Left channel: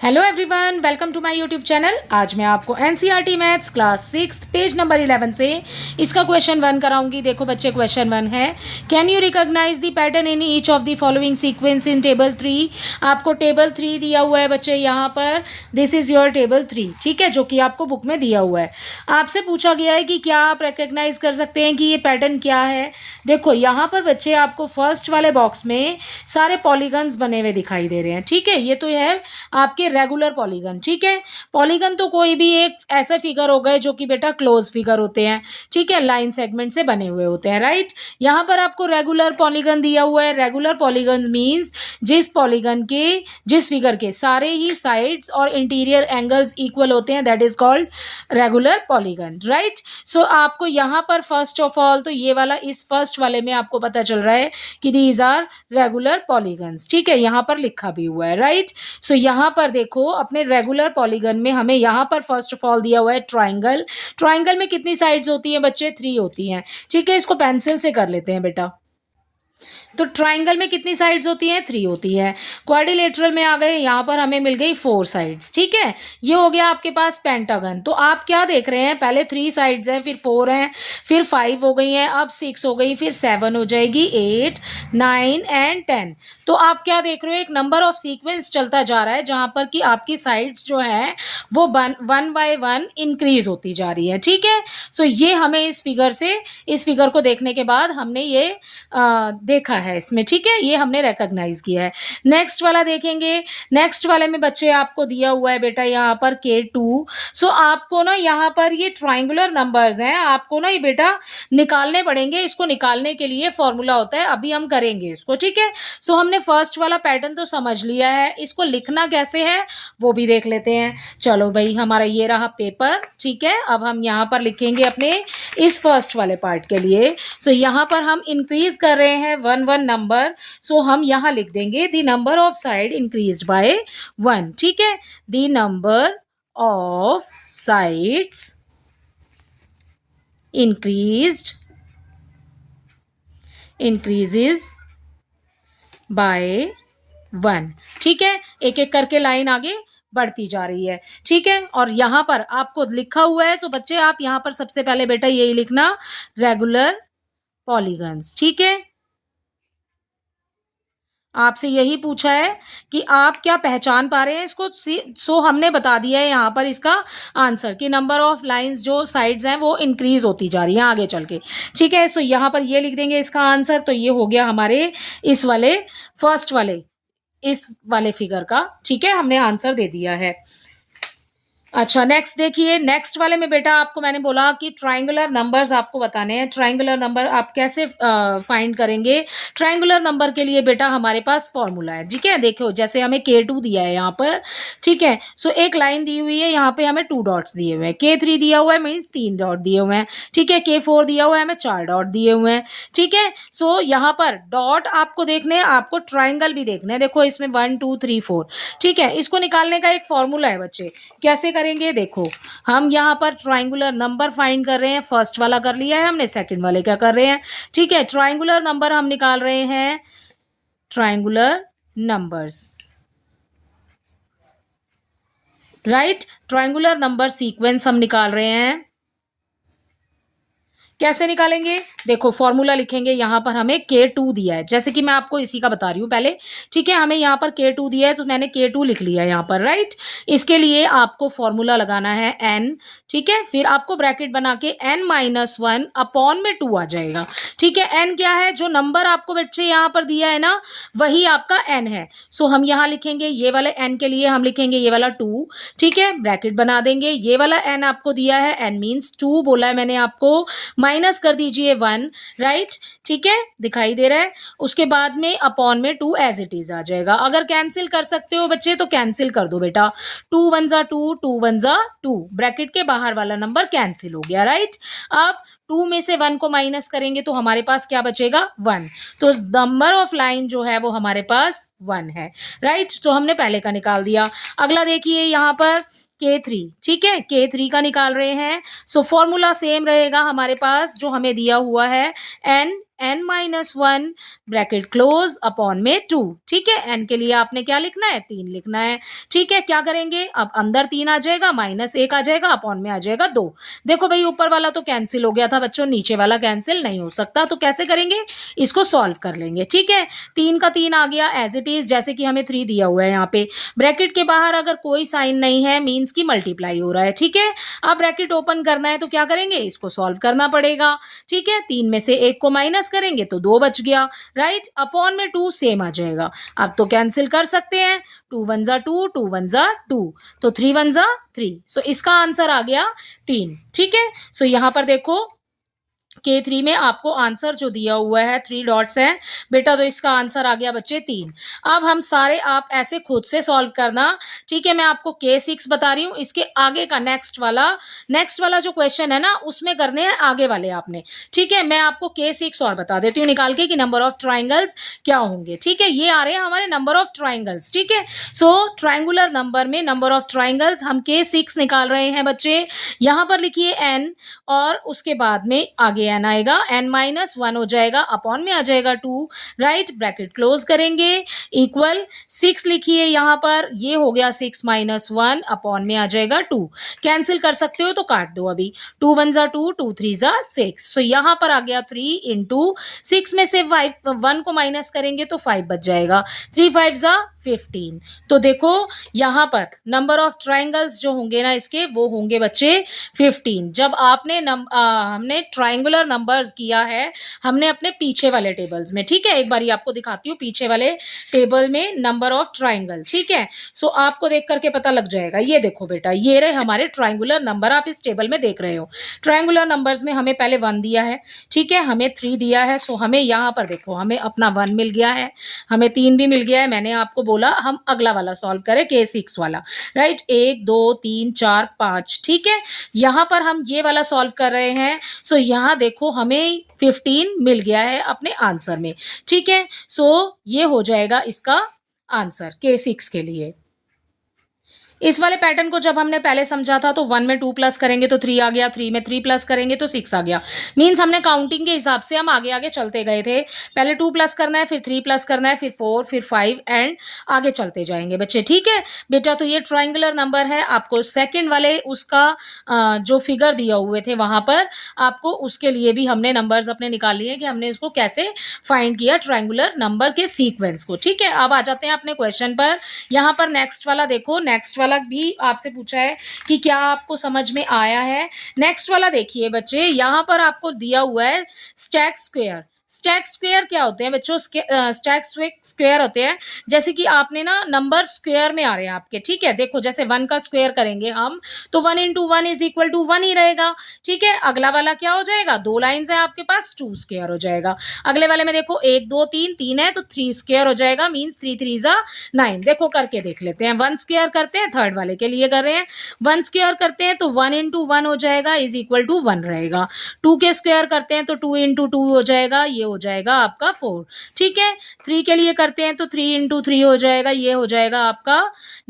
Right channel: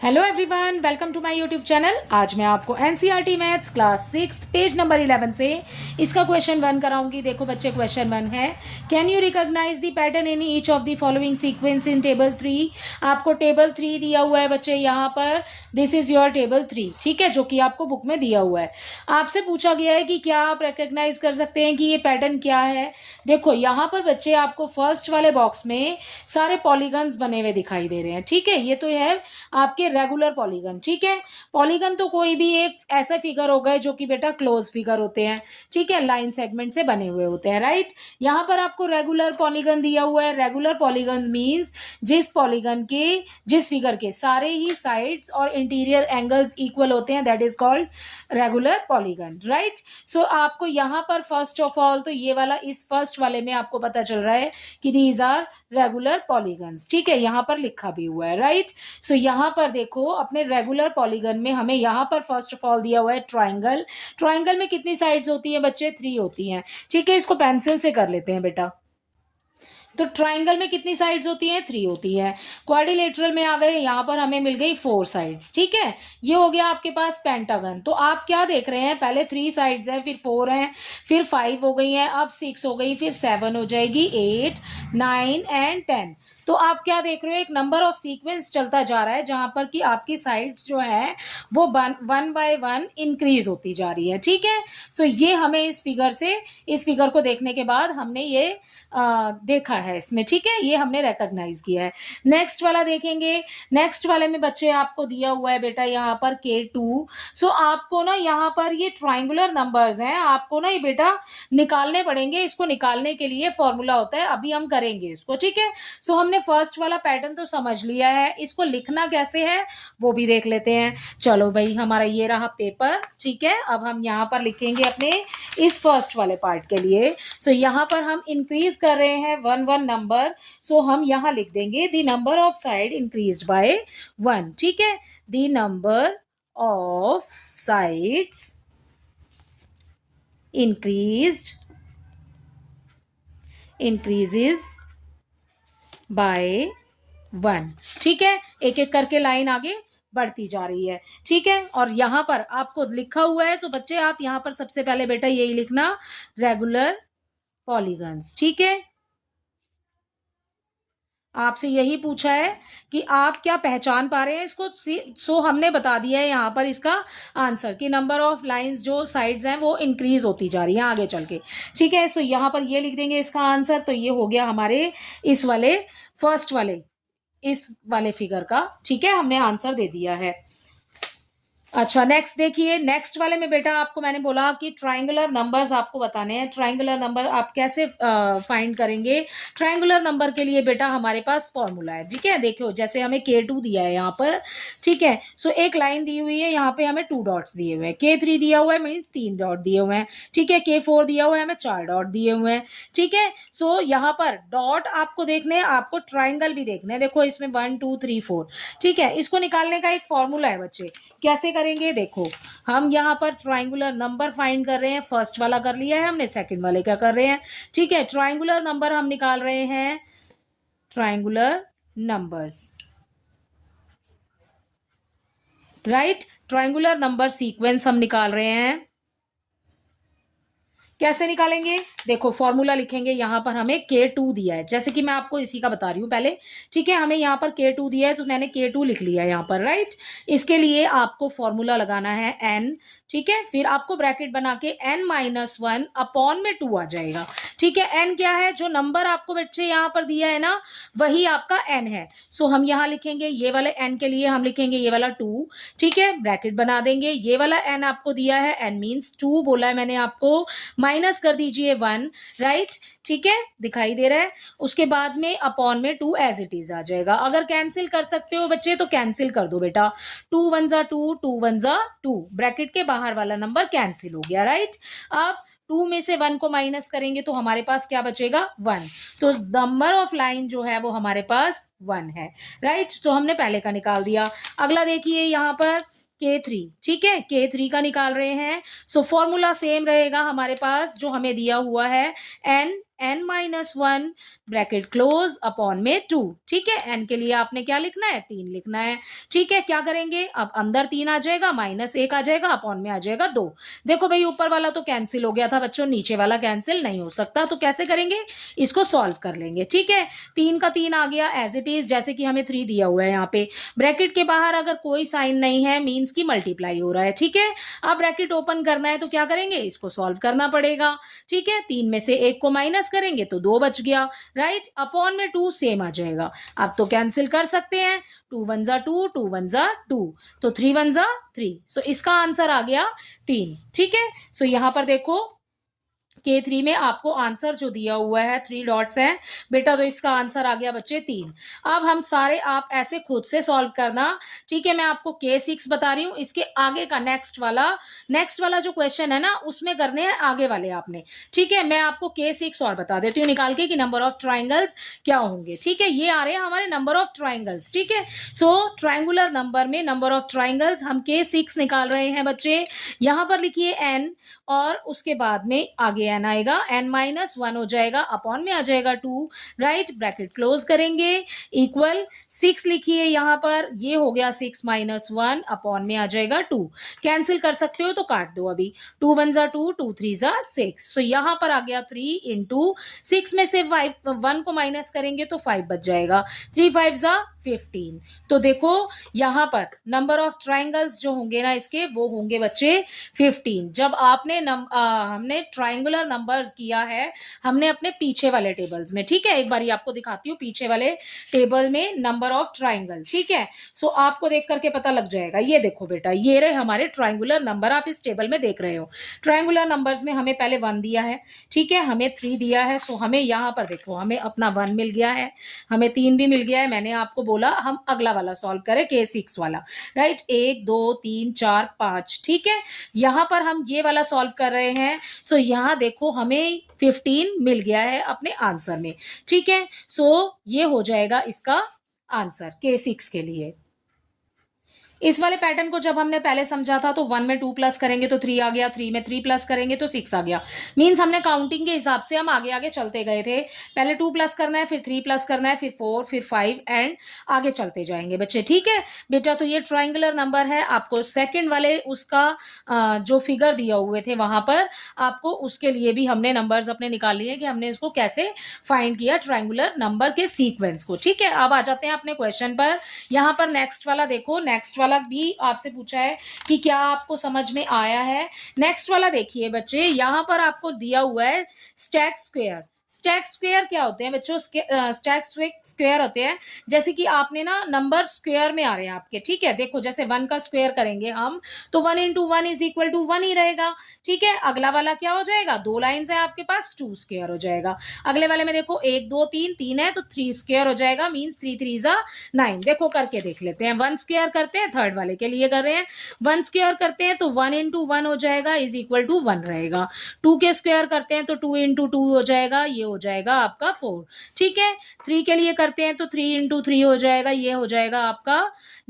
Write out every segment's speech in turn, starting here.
Hello everyone, welcome to my YouTube channel. आज मैं आपको NCERT maths class 6 page number 11 से इसका क्वेश्चन 1 कराऊंगी। देखो बच्चे, क्वेश्चन 1 है, can you recognise the pattern in each of the following sequence in table 3। आपको टेबल 3 दिया हुआ है बच्चे, यहाँ पर दिस इज योर टेबल 3, ठीक है, जो कि आपको बुक में दिया हुआ है। आपसे पूछा गया है कि क्या आप रिकॉग्नाइज कर सकते हैं कि ये पैटर्न क्या है। देखो यहाँ पर बच्चे आपको फर्स्ट वाले बॉक्स में सारे पॉलीगन्स बने हुए दिखाई दे रहे हैं, ठीक है। ये तो है आपके रेगुलर पॉलीगन, ठीक है। पॉलीगन तो कोई भी एक ऐसा फिगर होगा जो कि बेटा क्लोज फिगर होते हैं, ठीक है, लाइन सेगमेंट से बने हुए होते हैं, राइट। यहाँ पर आपको रेगुलर पॉलीगन दिया हुआ है। रेगुलर पॉलीगन मींस जिस पॉलीगन के, जिस फिगर के सारे ही साइड्स और इंटीरियर एंगल्स इक्वल होते हैं, that is called regular polygon, right. So आपको यहाँ पर फर्स्ट ऑफ ऑल तो ये वाला, इस फर्स्ट वाले में आपको पता चल रहा है कि दीज आर रेगुलर पॉलीगन्स, ठीक है, यहाँ पर लिखा भी हुआ है, राइट। सो यहाँ पर देखो अपने रेगुलर पॉलीगन में हमें यहाँ पर फर्स्ट ऑफ ऑल दिया हुआ है ट्राइंगल। ट्राइंगल में कितनी साइड्स होती हैं बच्चे? 3 होती हैं, ठीक है। इसको पेंसिल से कर लेते हैं बेटा। तो ट्राइंगल में कितनी साइड्स होती हैं? 3 होती है। क्वाड्रिलेटरल में आ गए, यहाँ पर हमें मिल गई 4 साइड्स, ठीक है। ये हो गया आपके पास पेंटागन। तो आप क्या देख रहे हैं, पहले 3 साइड्स हैं, फिर 4 हैं, फिर 5 हो गई हैं, अब 6 हो गई, फिर 7 हो जाएगी, 8, 9 एंड 10। तो आप क्या देख रहे हो, एक नंबर ऑफ सीक्वेंस चलता जा रहा है जहां पर कि आपकी साइड्स जो है वो 1 बाय 1 इंक्रीज होती जा रही है, ठीक है। सो ये हमें इस फिगर से, इस फिगर को देखने के बाद हमने ये देखा है इसमें, ठीक है, ये हमने रिकॉग्नाइज किया है। नेक्स्ट वाला देखेंगे। नेक्स्ट वाले में बच्चे आपको दिया हुआ है बेटा यहाँ पर K2। सो आपको ना यहाँ पर ये ट्राइंगुलर नंबर्स हैं, आपको ना ये बेटा निकालने पड़ेंगे। इसको निकालने के लिए फॉर्मूला होता है, अभी हम करेंगे इसको, ठीक है। सो हमने फर्स्ट वाला पैटर्न तो समझ लिया है, इसको लिखना कैसे है वो भी देख लेते हैं। चलो भाई, हमारा ये रहा पेपर, ठीक है। अब हम यहाँ पर लिखेंगे अपने इस फर्स्ट वाले पार्ट के लिए। सो यहाँ पर हम इंक्रीज कर रहे हैं 1 नंबर। सो हम यहाँ लिख देंगे the number of side increased by 1, ठीक है। The number of sides increases by 1, ठीक है। एक एक करके लाइन आगे बढ़ती जा रही है, ठीक है। और यहाँ पर आपको लिखा हुआ है, तो बच्चे आप यहाँ पर सबसे पहले बेटा यही लिखना, रेगुलर पॉलीगन्स, ठीक है। आपसे यही पूछा है कि आप क्या पहचान पा रहे हैं इसको। सो हमने बता दिया है यहाँ पर इसका आंसर कि नंबर ऑफ लाइंस जो साइड्स हैं वो इंक्रीज होती जा रही हैं आगे चल के, ठीक है। सो यहाँ पर ये लिख देंगे इसका आंसर। तो ये हो गया हमारे इस वाले फर्स्ट वाले, इस वाले फिगर का, ठीक है, हमने आंसर दे दिया है। अच्छा, नेक्स्ट देखिए। नेक्स्ट वाले में बेटा आपको मैंने बोला कि ट्राइंगुलर नंबर्स आपको बताने हैं। ट्राइंगुलर नंबर आप कैसे फाइंड करेंगे? ट्राइंगुलर नंबर के लिए बेटा हमारे पास फॉर्मूला है, ठीक है। देखो जैसे हमें K2 दिया है यहाँ पर, ठीक है। सो एक लाइन दी हुई है, यहाँ पे हमें 2 डॉट्स दिए हुए हैं। K3 दिया हुआ है, मीन्स 3 डॉट दिए हुए हैं, ठीक है। K4 दिया हुआ है, हमें 4 डॉट दिए हुए हैं, ठीक है। सो यहाँ पर डॉट आपको देखने हैं, आपको ट्राइंगल भी देखना है। देखो इसमें 1 2 3 4, ठीक है। इसको निकालने का एक फॉर्मूला है बच्चे, कैसे करेंगे देखो। हम यहाँ पर ट्राइंगुलर नंबर फाइंड कर रहे हैं, फर्स्ट वाला कर लिया है हमने, सेकंड वाले क्या कर रहे हैं, ठीक है। ट्राइंगुलर नंबर हम निकाल रहे हैं, triangular numbers, right. Triangular number sequence हम निकाल रहे हैं। कैसे निकालेंगे? देखो फॉर्मूला लिखेंगे, यहाँ पर हमें K2 दिया है, जैसे कि मैं आपको इसी का बता रही हूँ पहले, ठीक है। हमें यहाँ पर K2 दिया है तो मैंने K2 लिख लिया यहाँ पर, राइट। इसके लिए आपको फॉर्मूला लगाना है n, ठीक है। फिर आपको ब्रैकेट बना के n-1 अपॉन में 2 आ जाएगा, ठीक है। n क्या है? जो नंबर आपको बच्चे यहाँ पर दिया है ना, वही आपका n है। सो हम यहाँ लिखेंगे, ये वाले n के लिए हम लिखेंगे ये वाला 2, ठीक है, ब्रैकेट बना देंगे। ये वाला n आपको दिया है, n मीन्स 2 बोला है मैंने आपको, माइनस कर दीजिए 1, राइट, ठीक है, दिखाई दे रहा है। उसके बाद में अपॉन में 2 एज इट इज आ जाएगा। अगर कैंसिल कर सकते हो बच्चे तो कैंसिल कर दो बेटा, 2 1 जा 2, 2 1 जा 2, ब्रैकेट के बाहर वाला नंबर कैंसिल हो गया, राइट। अब 2 में से 1 को माइनस करेंगे तो हमारे पास क्या बचेगा? 1। तो नंबर ऑफ लाइन जो है वो हमारे पास 1 है, राइट। तो हमने पहले का निकाल दिया। अगला देखिए यहाँ पर K3, ठीक है, K3 का निकाल रहे हैं। सो फॉर्मूला सेम रहेगा हमारे पास जो हमें दिया हुआ है, n n minus one bracket close upon में 2। ठीक है, n के लिए आपने क्या लिखना है, 3 लिखना है। ठीक है, क्या करेंगे, अब अंदर 3 आ जाएगा, माइनस 1 आ जाएगा, अपॉन में आ जाएगा 2। देखो भाई ऊपर वाला तो कैंसिल हो गया था बच्चों, नीचे वाला कैंसिल नहीं हो सकता, तो कैसे करेंगे, इसको सॉल्व कर लेंगे। ठीक है, 3 का 3 आ गया एज इट इज, जैसे कि हमें 3 दिया हुआ है यहाँ पे। ब्रैकेट के बाहर अगर कोई साइन नहीं है मीन्स की मल्टीप्लाई हो रहा है। ठीक है, अब ब्रैकेट ओपन करना है तो क्या करेंगे, इसको सॉल्व करना पड़ेगा। ठीक है, 3 में से 1 को माइनस करेंगे तो 2 बच गया, राइट, अपॉन में 2 सेम आ जाएगा। अब तो कैंसिल कर सकते हैं, 2 1 जा 2, 2 1 जा 2, तो 3 1 जा 3। सो इसका आंसर आ गया 3। ठीक है, सो यहां पर देखो K3 में आपको आंसर जो दिया हुआ है 3 डॉट्स हैं बेटा, तो इसका आंसर आ गया बच्चे 3। अब हम सारे आप ऐसे खुद से सॉल्व करना। ठीक है, मैं आपको K6 बता रही हूँ, इसके आगे का नेक्स्ट वाला जो क्वेश्चन है ना उसमें करने हैं आगे वाले आपने। ठीक है, मैं आपको K6 और बता देती हूँ निकाल के कि नंबर ऑफ ट्राइंगल्स क्या होंगे। ठीक है, ये आ रहे हैं हमारे नंबर ऑफ ट्राइंगल्स। ठीक है, सो ट्राइंगुलर नंबर में नंबर ऑफ ट्राइंगल्स हम K6 निकाल रहे हैं बच्चे। यहां पर लिखिए n और उसके बाद में आगे n आएगा, n माइनस 1 हो जाएगा, अपॉन में आ जाएगा 2, राइट, ब्रैकेट क्लोज करेंगे, इक्वल 6 लिखिए यहां पर, ये हो गया 6 माइनस 1, अपॉन में आ जाएगा 2। कैंसिल कर सकते हो तो काट दो अभी, 2 1 जा 2, 2 3 जा 6। सो यहां पर आ गया 3 इंटू 6 में से 1 को माइनस करेंगे तो 5 बच जाएगा, 3 5 जा 15। तो देखो यहां पर नंबर ऑफ ट्राइंगल्स जो होंगे ना इसके, वो होंगे बच्चे 15। जब आपने हमने ट्राइंगुलर नंबर्स किया है हमने अपने पीछे वाले टेबल्स में। ठीक है, एक बार आपको दिखाती हूँ पीछे वाले टेबल में नंबर ऑफ ट्राइंगल। ठीक है, सो आपको देख करके पता लग जाएगा। ये देखो बेटा, ये रहे हमारे ट्राइंगुलर नंबर, आप इस टेबल में देख रहे हो। ट्राइंगुलर नंबर्स में हमें पहले 1 दिया है, ठीक है, हमें 3 दिया है, सो हमें यहाँ पर देखो हमें अपना 1 मिल गया है, हमें 3 भी मिल गया है। मैंने आपको बोला हम अगला वाला सॉल्व करें, K6 वाला, राइट, 1 2 3 4 5। ठीक है, यहां पर हम ये वाला सॉल्व कर रहे हैं, सो यहां देखो हमें 15 मिल गया है अपने आंसर में। ठीक है, सो ये हो जाएगा इसका आंसर K6 के लिए। इस वाले पैटर्न को जब हमने पहले समझा था तो 1 में 2 प्लस करेंगे तो 3 आ गया, 3 में 3 प्लस करेंगे तो 6 आ गया। मीन्स हमने काउंटिंग के हिसाब से हम आगे आगे चलते गए थे। पहले 2 प्लस करना है, फिर 3 प्लस करना है, फिर 4, फिर 5 एंड आगे चलते जाएंगे बच्चे। ठीक है बेटा, तो ये ट्राइंगुलर नंबर है। आपको सेकेंड वाले उसका जो फिगर दिया हुए थे वहां पर आपको उसके लिए भी हमने नंबर्स अपने निकाल लिए कि हमने इसको कैसे फाइंड किया ट्राइंगुलर नंबर के सीक्वेंस को। ठीक है, अब आ जाते हैं अपने क्वेश्चन पर। यहाँ पर नेक्स्ट वाला देखो, नेक्स्ट वाला भी आपसे पूछा है कि क्या आपको समझ में आया है। नेक्स्ट वाला देखिए बच्चे, यहां पर आपको दिया हुआ है स्टैक स्क्वायर। स्टैक स्क्वायर क्या होते हैं बच्चों, स्टैक स्क्वायर होते हैं जैसे कि आपने ना नंबर स्क्वायर में आ रहे हैं आपके। ठीक है, देखो जैसे 1 का स्क्वायर करेंगे हम तो 1 इंटू 1 इज इक्वल टू 1 ही रहेगा। ठीक है, अगला वाला क्या हो जाएगा, 2 लाइन्स है आपके पास, 2 स्क्वायर हो जाएगा। अगले वाले में देखो 1 2 3 3 है तो 3 स्क्वायर हो जाएगा, मीन्स 3 3 जा 9। देखो करके देख लेते हैं, 1 स्क्वायर करते हैं, थर्ड वाले के लिए कर रहे हैं। 1 स्क्वायर करते हैं तो 1 इंटू 1 हो जाएगा इज इक्वल टू 1 रहेगा। 2 के स्क्वायर करते हैं तो 2 इंटू 2 हो जाएगा, ये हो जाएगा आपका 4। ठीक है, 3 के लिए करते हैं तो 3 इंटू 3 हो जाएगा, ये हो जाएगा आपका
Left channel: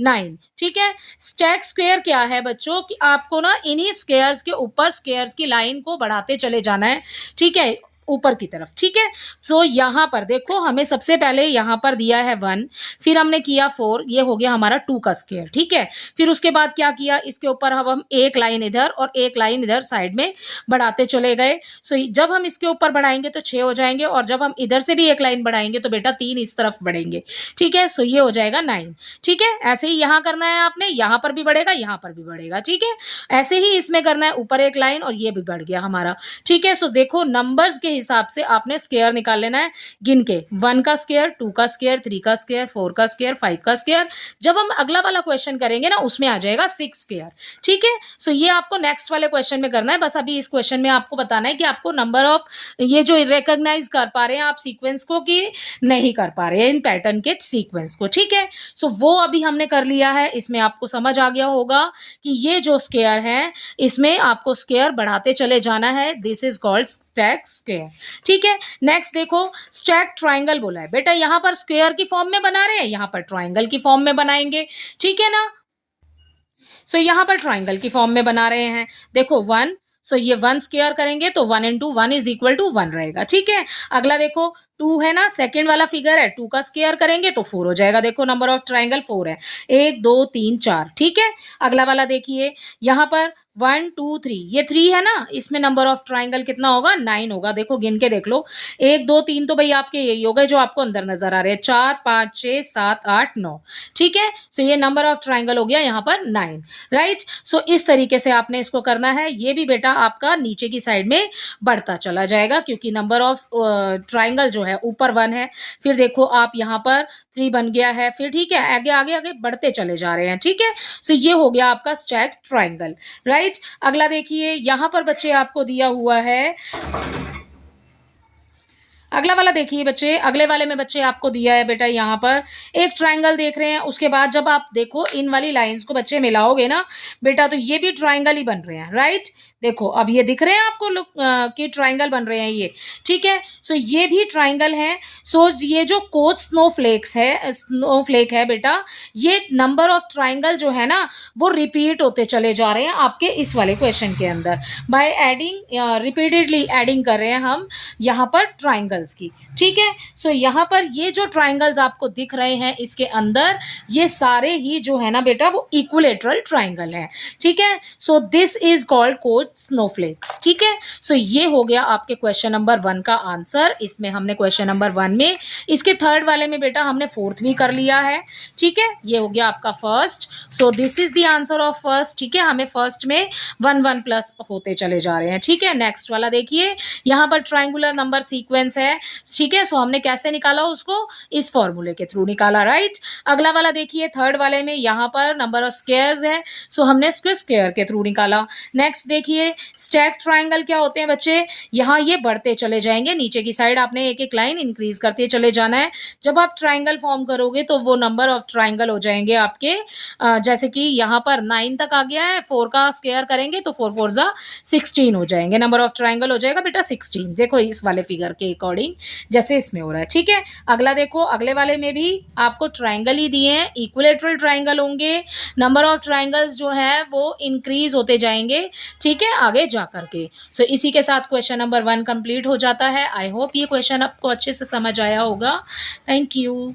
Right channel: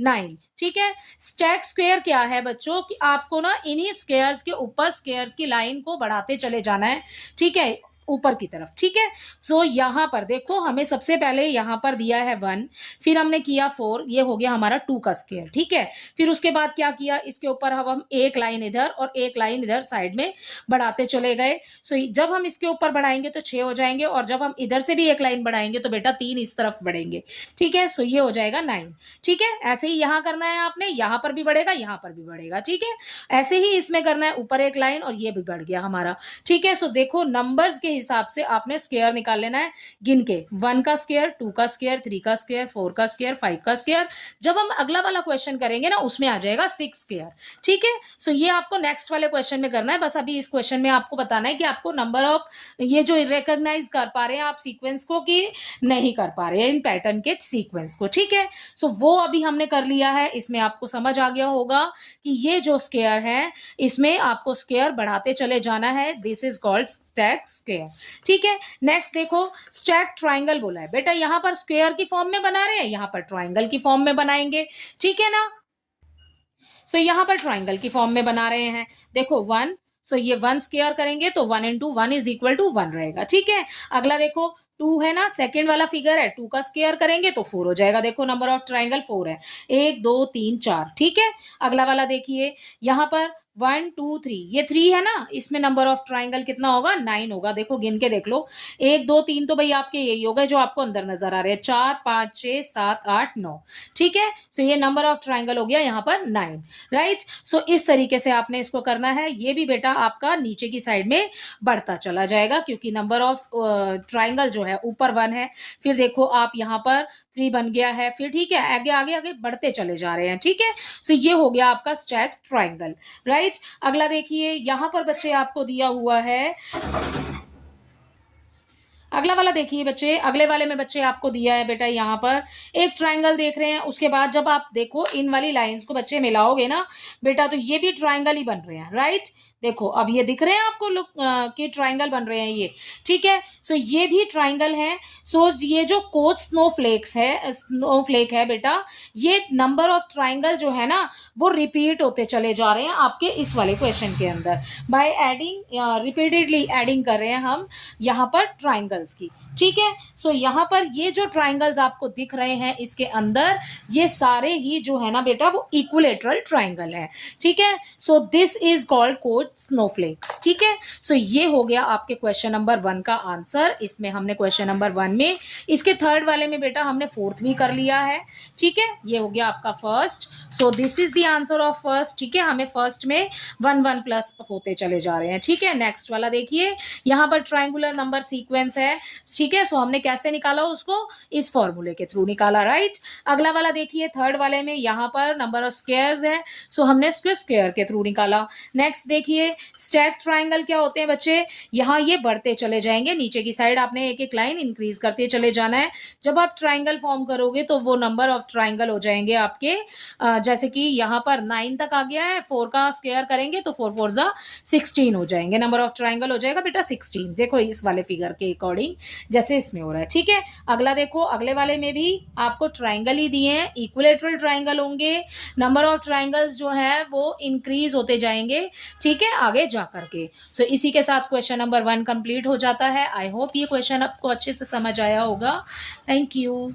9। ठीक है, स्टैक स्क्वायर क्या है बच्चों कि आपको ना इन्हीं स्क्वायर्स के ऊपर स्क्वायर्स की लाइन को बढ़ाते चले जाना है। ठीक है, ऊपर की तरफ। ठीक है, सो यहां पर देखो हमें सबसे पहले यहां पर दिया है 1, फिर हमने किया 4, ये हो गया हमारा 2 का स्क्वायर। ठीक है, फिर उसके बाद क्या किया, इसके ऊपर अब हम एक लाइन इधर और एक लाइन इधर साइड में बढ़ाते चले गए। सो जब हम इसके ऊपर बढ़ाएंगे तो 6 हो जाएंगे, और जब हम इधर से भी एक लाइन बढ़ाएंगे तो बेटा 3 इस तरफ बढ़ेंगे। ठीक है, सो ये हो जाएगा 9। ठीक है, ऐसे ही यहां करना है आपने, यहां पर भी बढ़ेगा, यहां पर भी बढ़ेगा। ठीक है, ऐसे ही इसमें करना है, ऊपर एक लाइन और ये भी बढ़ गया हमारा। ठीक है, सो देखो नंबर्स के हिसाब से आपने स्क्वायर निकाल लेना है गिन के, 1 का स्क्वायर, 2 का स्क्वायर, 3 का स्क्वायर, 4 का स्क्वायर, 5 का स्क्वायर। जब हम अगला वाला क्वेश्चन करेंगे ना उसमें आ जाएगा 6 स्क्वायर। ठीक है, सो ये आपको नेक्स्ट वाले क्वेश्चन में करना है। बस अभी इस क्वेश्चन में आपको बताना है कि आपको नंबर ऑफ ये जो रिकॉग्नाइज कर पा रहे हैं आप सीक्वेंस को कि नहीं कर पा रहे हैं इन पैटर्न के सीक्वेंस को। ठीक है, सो वो अभी हमने कर लिया है। इसमें आपको समझ आ गया होगा कि ये जो स्क्वायर है इसमें आपको स्क्वायर बढ़ाते चले जाना है, this is called stack square. ठीक है, नेक्स्ट देखो स्टैक ट्राइंगल बोला है बेटा, यहां पर स्क्वायर की फॉर्म में बना रहे हैं, यहां पर ट्राइंगल की फॉर्म में बनाएंगे। ठीक है ना, सो यहां पर ट्राइंगल की फॉर्म में बना रहे हैं। देखो 1, सो ये 1 स्क्वायर करेंगे तो 1 इंटू 1 इज इक्वल टू 1 रहेगा। ठीक है, अगला देखो 2 है ना, सेकेंड वाला फिगर है, 2 का स्क्वायर करेंगे तो 4 हो जाएगा। देखो नंबर ऑफ ट्राइंगल 4 है, 1 2 3 4। ठीक है, अगला वाला देखिए, यहाँ पर 1 2 3, ये 3 है ना, इसमें नंबर ऑफ ट्राइंगल कितना होगा, 9 होगा। देखो गिन के देख लो, 1 2 3 तो भाई आपके यही हो गए जो आपको अंदर नजर आ रहे हैं, 4 5 6 7 8 9। ठीक है, सो ये नंबर ऑफ ट्राइंगल हो गया यहाँ पर 9, राइट। सो इस तरीके से आपने इसको करना है। ये भी बेटा आपका नीचे की साइड में बढ़ता चला जाएगा, क्योंकि नंबर ऑफ ट्राइंगल जो है ऊपर 1 है, फिर देखो आप यहाँ पर 3 बन गया है, फिर ठीक है आगे आगे आगे बढ़ते चले जा रहे हैं। ठीक है, सो ये हो गया आपका स्टैक्ड ट्राइंगल, राइट। अगला देखिए, यहां पर बच्चे आपको दिया हुआ है, अगला वाला देखिए बच्चे, अगले वाले में बच्चे आपको दिया है बेटा, यहाँ पर एक ट्राइंगल देख रहे हैं। उसके बाद जब आप देखो इन वाली लाइंस को बच्चे मिलाओगे ना बेटा, तो ये भी ट्राइंगल ही बन रहे हैं, राइट। देखो अब ये दिख रहे हैं आपको लुक कि ट्राइंगल बन रहे हैं ये। ठीक है, सो ये भी ट्राइंगल है। सो ये जो कोच स्नोफ्लेक है बेटा, ये नंबर ऑफ ट्राइंगल जो है ना वो रिपीट होते चले जा रहे हैं आपके इस वाले क्वेश्चन के अंदर। बाय एडिंग, रिपीटेडली एडिंग कर रहे हैं हम यहाँ पर ट्राइंगल्स की। ठीक है, सो यहाँ पर ये जो ट्राइंगल्स आपको दिख रहे हैं इसके अंदर, ये सारे ही जो है ना बेटा वो इक्विलेटरल ट्राइंगल है। ठीक है, so this is called coach snowflakes. ठीक है, सो ये हो गया आपके क्वेश्चन नंबर 1 का आंसर। इसमें हमने क्वेश्चन नंबर 1 में, इसके थर्ड वाले में बेटा हमने फोर्थ भी कर लिया है। ठीक है, ये हो गया आपका first. So this is the answer of first. ठीक है, हमें फर्स्ट में 1 1 प्लस होते चले जा रहे हैं। ठीक है, नेक्स्ट वाला देखिए, यहाँ पर ट्राइंगुलर नंबर सीक्वेंस है। ठीक है, सो हमने कैसे निकाला उसको, इस फॉर्मूले के थ्रू निकाला, राइट। अगला वाला देखिए, थर्ड वाले में यहाँ पर नंबर ऑफ स्क्वायर्स है, सो हमने स्क्वायर के थ्रू निकाला। नेक्स्ट देखिए, स्टैक ट्राइंगल क्या होते हैं बच्चे, यहाँ ये बढ़ते चले जाएंगे नीचे की साइड, आपने एक एक लाइन इंक्रीज करते चले जाना है। जब आप ट्राइंगल फॉर्म करोगे तो वो नंबर ऑफ ट्राइंगल हो जाएंगे आपके, जैसे कि यहाँ पर 9 तक आ गया है, 4 का स्क्वायर करेंगे तो 4 4 जा 16 हो जाएंगे, नंबर ऑफ ट्राइंगल हो जाएगा बेटा 16। देखो इस वाले फिगर के अकॉर्डिंग जैसे इसमें हो रहा है। ठीक है, अगला देखो, अगले वाले में भी आपको ट्राइंगल ही दिए हैं, इक्विलेटरल ट्राइंगल होंगे, नंबर ऑफ ट्राइंगल्स जो है वो इंक्रीज होते जाएंगे। ठीक है, आगे जा करके। सो इसी के साथ क्वेश्चन नंबर 1 कंप्लीट हो जाता है। आई होप ये क्वेश्चन आपको अच्छे से समझ आया होगा। Thank you.